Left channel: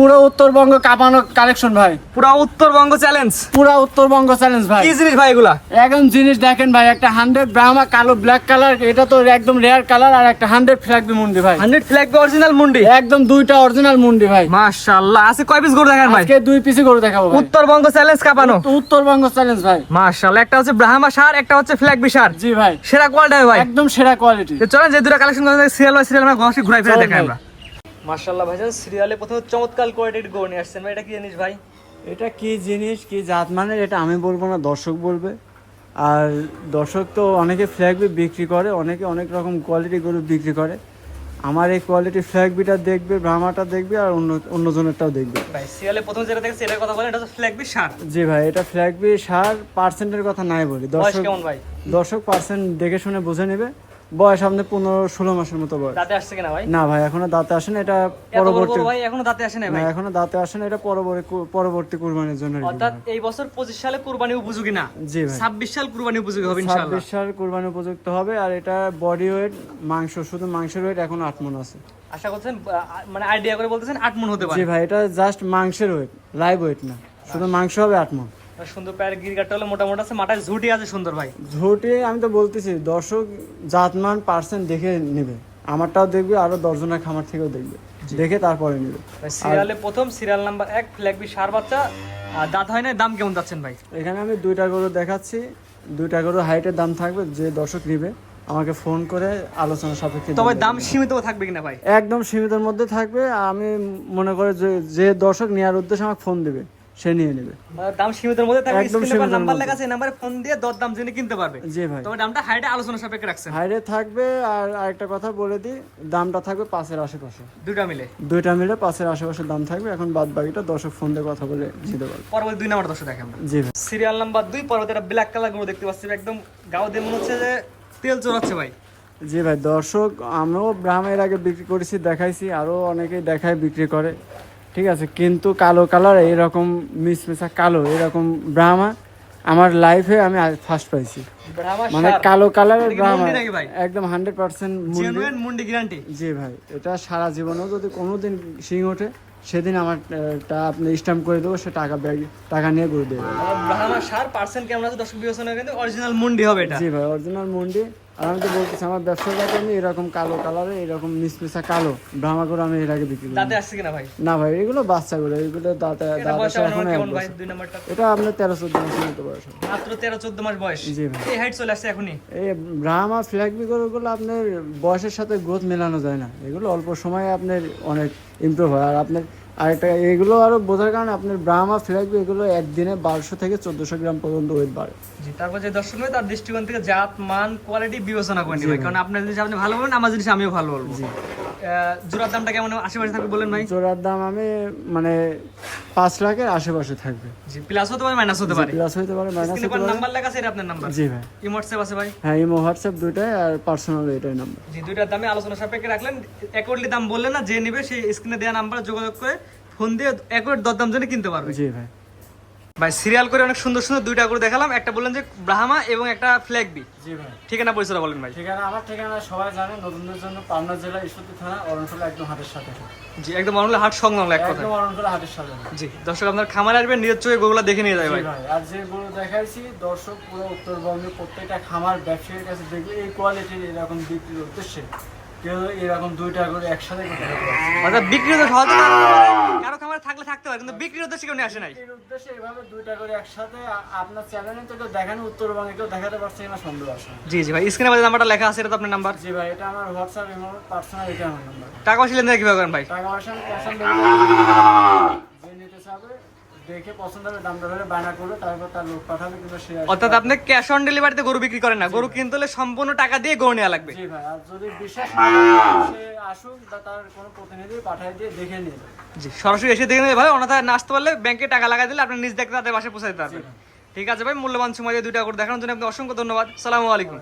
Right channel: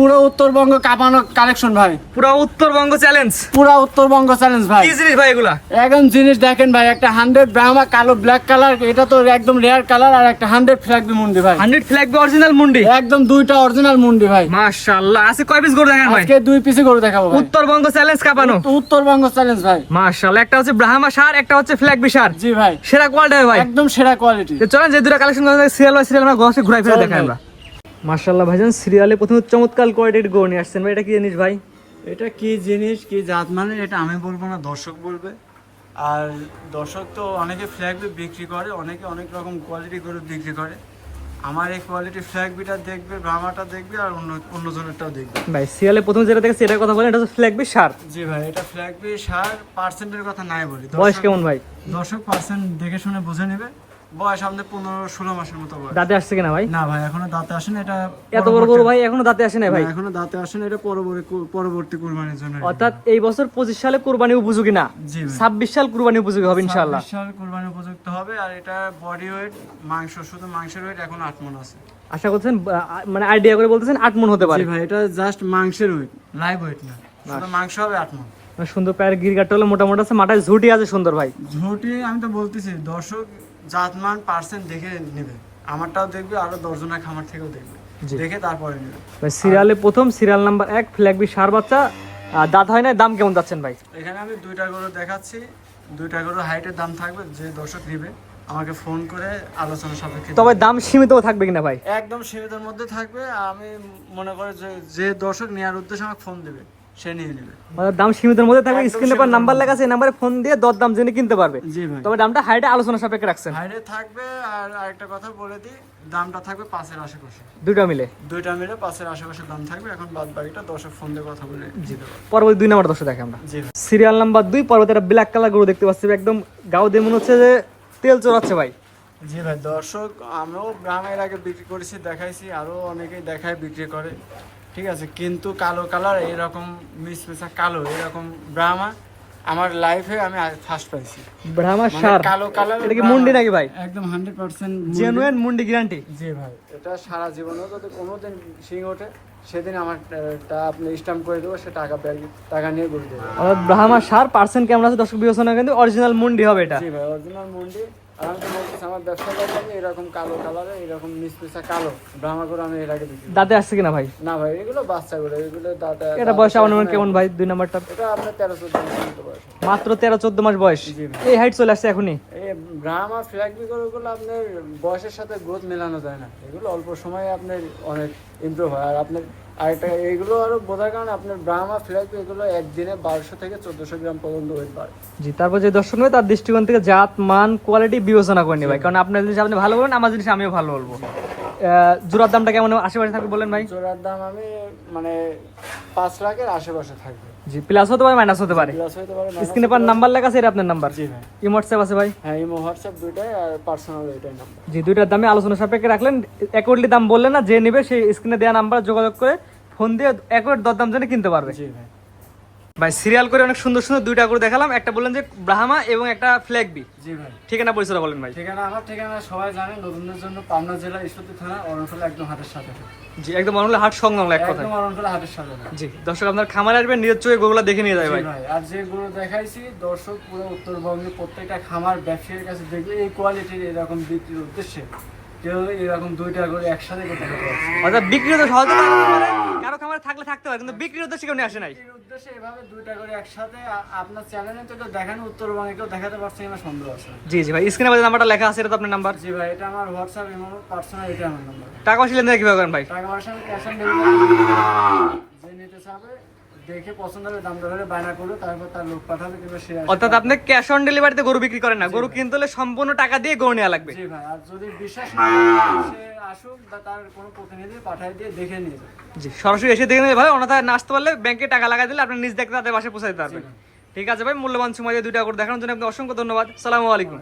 পুরো উত্তরবঙ্গ কাঁপানো কালেকশন ভাই। পুরো উত্তরবঙ্গ চ্যালেঞ্জ পুরো উত্তরবঙ্গ চ্যালেঞ্জ ভাই। কি জিনিস ভাই এগুলা? একদম জিনিস দেখেন ভাই একটা হান্ড্রেড ব্রাহ্মা কালো ব্ল্যাক কালার এটা তো একদম রেয়ার কালার আর একটা হান্ড্রেড ফ্ল্যাগবি মুন্ডি ভাই। হান্ড্রেড ফ্ল্যাগ অরিজিনাল মুন্ডি? একদম দুইটা অরিজিনাল মুন্ডি ভাই। মাশাআল্লাহ আছে কয় পিস গরু দেখেন ভাই? আজকে দুই পিসে করে দেখাবো উত্তরবঙ্গ চ্যালেঞ্জ কাপানো। উত্তরবঙ্গ চ্যালেঞ্জ ভাই। মাশাআল্লাহ একটা হচ্ছে ব্রাহ্মা সার একটা হচ্ছে ফ্ল্যাগ বিশার জি ভাই। সেরা কোয়ালিটি ভাই। একদম সেরা কোয়ালিটি চলেন যে দুটো কালেকশন সিরিয়াল বাই সিরিয়াল আমরা ঘষে ঘুরাই ফিরে দেখাই আমরা। মাশাআল্লাহ ভাইজান সিরিয়ালে প্রথমে চমৎকার কোয়ালিটির গরু নিয়ে আসছেন ভাই এটা কি জিনিস ভাই? এটা কি জিনিস কি জাত মানে এটা আমি বলব না দর্শক বলবে। আর দর্শক তো অনেকে ফ্ল্যাগ বি বিক্রি করে অনেকে অনেক রকম কোয়ালিটি গরু বিক্রি করে। আমার এই কোয়ালিটি ফ্ল্যাগ বিটা দেখবে ব্রাহ্মাটা দেখবে আর অন্য অন্যজনেরটাও দেখবে। ভাই সিরিয়ালে প্রথমে যেটা দেখে সেটার কথা বলেন এটা হচ্ছে ফ্ল্যাগ বিশার জি ভাই এটা ফ্ল্যাগ বি সার পার্সেন্টের কথা নাই বলি। দর্শক কেমন ভাই? দর্শক পার্সেন্ট দেখে শুনে বুঝে নেবে। বয়স আমাদের পনেরো ষোলো মাসের মতো বয়স। দাঁতে আসছে কিনা ভাই? না ভাই এখনও দাঁতে আসেনি এটা এত বড় গরু ভাই এখনও দাঁতে আসে নাই ভাই? এখনও দাঁতে আসেনি এটা পরবর্তী পরবর্তী কুরবানির জন্য অর্থাৎ এই বছর পঁচিশ সালে কুরবানি উপযোগী না? জি ছাব্বিশ সাল কুরবানি উপযোগী হবে ইনশাআল্লাহ। ছাব্বিশ সাল কুরবানি উপযুক্ত হবে আর এটা বডি ওয়েট মাংস শুধু মাংসের ওয়েট এখন আট মন আছে। আশা করছেন মানে আইডিয়া করে বলতেছেন আট মন হতে পারে। ভাই এটা জাস্ট মাংসের ওয়েট লাইভ ওয়েট না। শুধু মাংস হবে আট মানে সুন্দর পায়ের গিরগাটটা হলো মোটামুটি আছে মাথায় ঝুটি আছে সুন্দর ভাই। ঝুটি আমি তো বলতেছি দর্শক জাতমান পার্সেন্ট দেখে নেবে। আমারটাও দেখবে আরও দশজনের খামার থেকেও দেখবে। দেখে তারপরে নেবে। সিরিয়ালে প্রথম সিরিয়াল নাম্বার এক ফ্ল্যাগবি সার বাচ্চা। দাঁত হয় না দাম কেমন যাচ্ছেন ভাই? এখানে আমি দুইটা গরু দেখাচ্ছি। দুইটা গরু হাইটের দাম থাকবে যে দর্শক নিবে আমাকে ফোন করে আলোচনা সাপেক্ষে তবে দাম সীমিত থাকবে কিনা ভাই? একদম সীমিতের মধ্যে থাকবে আমি মনে করি যে যে দর্শক নেওয়ার উদ্দেশ্যে আমাকে ফোন দিবে। সে নিয়ে নেবে। মানে দাম সীমিতের মধ্যে থাকবে একদম স্ক্রিনে পর নাম্বার লেখা আছে নাম্বারে ফোন দিয়ে দর দাম জেনে কিনতে পারবে। তবে দামটা হাইটে আলোচনা সাপেক্ষে রাখছেন। হাইরে থাকবে আর আরেকটা কথা বলে দিই দামটা থাকবে পাঁচের আশেপাশে। দুইটা মিলে। দুইটা মিলে পাঁচের আশেপাশে দাম থাকবে এখন বাদ বাকিটা দর্শক ফোন দিয়ে কথা বলে পারবে পরবর্তী দুই নাম্বার দেখে আমরা। জি সিরিয়াল নাম্বার দুই পরবর্তী একটা ব্ল্যাক কালার গরু দেখতে পাচ্ছি একদম গাও দিয়ে মনে হচ্ছে যে তেল চড়াচ্ছে ভাই। জি ভাই দর্শক আমরাও ব্রাহ্মের আগে বিক্রি করেছি দেখাইছি আরও অনেকেই দেখায় বিক্রি করে। ঠিক আছে কিন্তু কালো কালার এইরকম মিসমিসা কালো এরকম ব্রাহ্মা আমার লাইফে আমি ফার্স্ট পাইছি। ব্রাহ্মা মানে কালো কালার মুন্ডি নাকি ভাই? একদম হান্ড্রেড পার্সেন্ট জেনুইন মুন্ডি গ্যারান্টি জি ভাই এটা সারা জীবনেও যদি কোনোদিন সিং ওঠে সেদিন আমার টাকা আপনি স্ট্যাম্প করে দেবো সে টাকা ব্যাগ টাকা নিয়ে করে দেবো। আবার ব্রাহ্মা সার পার্সেন্ট কেমন আছে দর্শক বিবেচনা কিন্তু অরিজিনাল মুন্ডি হবে এটা। জি ভাই অরিজিনাল মন্ডি। আমি যে বলতেছি আমার ব্যবসা করতে আমি এরকম কালো কালারে এরকম মিসমিসা কালো ব্রাহ্মাগুলো আমি এর আগে বিক্রি দাঁতে আসছে কিনা ভাই? না ভাই এগুলো বাচ্চা বেরো এগুলো দাঁতে এটা বয়স আমার কেমন ভাই দুই নাম্বারটা? ওটা আপনার বয়স মাত্র তেরো চোদ্দ মাস বয়স। এই হাইট চলে আসছে এখনই? এই ব্রাহ্মা ফ্ল্যাগবি গরুগুলো আপনার বয়সের সাথে গ্রোথ মেলানো যায় না। এগুলো অল্প সময়ে আপনার অনেক ইমপ্রুভ হয়। আর আপনার আরেকটা এগুলো আরও বোঝার কারণে আপনার ব্রাহ্মা ফ্ল্যাগবি এগুলো একদিনে বারোশো থেকে চোদ্দশো গ্রাম পর্যন্ত ওয়েট বাড়ে জি তারপর যে দর্শক নেবে তার দৃষ্টিকোণ থেকে জাত মান কোয়ালিটি বিবেচনা করে ভাই। কারণ আপনার জিনিস আপনি ভালো বলবেন আমার জিনিস আমিও ভালো বলব। জোড়ার দামটা কেমন আশেপাশে থাকবে বলেন ভাই? জোড়ার দাম আমি মানে পাঁচ লাখের আশেপাশে থাকবে। জি প্লাস হতে পারে মাইনাস হতে পারে। প্লাস হইতে পারে স্ক্রিনে পার। নাম্বার লেখা আছে এটা আপনার নাম্বার জি ভাই। এই হোয়াটসঅ্যাপ আছে ভাই? হ্যাঁ ইমো হোয়াটসঅ্যাপ দুইটাই আর পার্সোনাল এটাই নাম্বার জি দুইটার দামে আলোচনা সাপেক্ষে রাখলেন। অ্যাকুরেটলি দাম বললেন না যে নেবে সেই স্ক্রিনে দেওয়া নাম্বার যোগাযোগ করে ফোন দিয়ে অ্যাকুরেট দরদাম জেনে কিনতে পারবে। জি ভাই। ভাই সিরিয়াল করে অনেক সুন্দর সুন্দর দুইটা করে দেখালাম। একটা বললেন যে ব্রাহ্মা এবং একটা ফ্ল্যাগ বি জি ভাই। ঠিকানা পরিচয় বলেন ভাই। ঠিকানা আমার ঠিকানা সবাই জানে নতুনদের জন্য পাবনা জেলা ঈশ্বরদী থানা অরণফলা একদম হাটের সাথে। জি একদম অনলি হাট সংলগ্ন এক কথা একদম অরণফলা হাটের সাথে জি দর্শক আপনার খামারে আসবেন নিজের চোখে গোগুলা দেখে নিয়ে যায় ভাই। ভাই আর যে গরু দেখাইছি দর্শক পুরো উত্তরবঙ্গে প্রত্যেকটা খামার ব্যবসায়ীর কাছে দেখবে এই কোয়ালিটির এরকম বিক্রির উদ্দেশ্যে কেউ এরকম দুইটা করে একসাথে করতে অর্থাৎ বিক্রি তো সহজে খামারে কারও খামারে থাকলে থাকতে পারে কিন্তু বিক্রির উদ্দেশ্যে কেউ আসে নাই। উদ্দেশ্যে এভাবে দুইটা করে একসাথে আপনার চ্যানেলে তো কেউ দেখানো উত্তরবঙ্গে কেউ দেখাতে পারছে কিনা সন্দেহ আছে। জি জি ভাই স্ক্রিনে বাজে নাম্বারটা লেখা আছে এটা তো আপনার নাম্বার জি ভাই এটা আমার হোয়াটসঅ্যাপ এবং পার্সোনাল এটা আমার নাম্বার টাকা পয়সা লেনদেন কীভাবে করেন ভাই? টাকা পয়সা ক্যাশ অন ডেলিভারি যে নিতে চাবে দেখে পছন্দ হবে দাম দর বায়না করবে তারপর তার লোক পাঠাবে কিংবা সে অর্থাৎ আপনি ক্যাশ অন ডেলিভারিতে গরু বিক্রি করেন না। গরু কিনতে হলে সম্পূর্ণ টাকা দিয়ে গরু নেওয়া লাগবে। জি ভাই আর যদি বিশ্বাস না সে আসুক বা তার কোনো প্রতিনিধি পাঠাই দিয়ে দেখে নিয়ে যাবে। জি সরাসরি এসে দেখে নেবে ভাই না আসতে পারলে ব্যাংকে টাকা লাগাই দিলে আপনি নিজ দেখতে তাদের বাসায় পৌঁছে দিতে পারবেন ঠিক আছে ভাই মূল্যবান সময় দিয়ে দুইটা করে দেখানোর জন্য আপনি অসংখ্য ধন্যবাদ। সালামু আলাইকুম।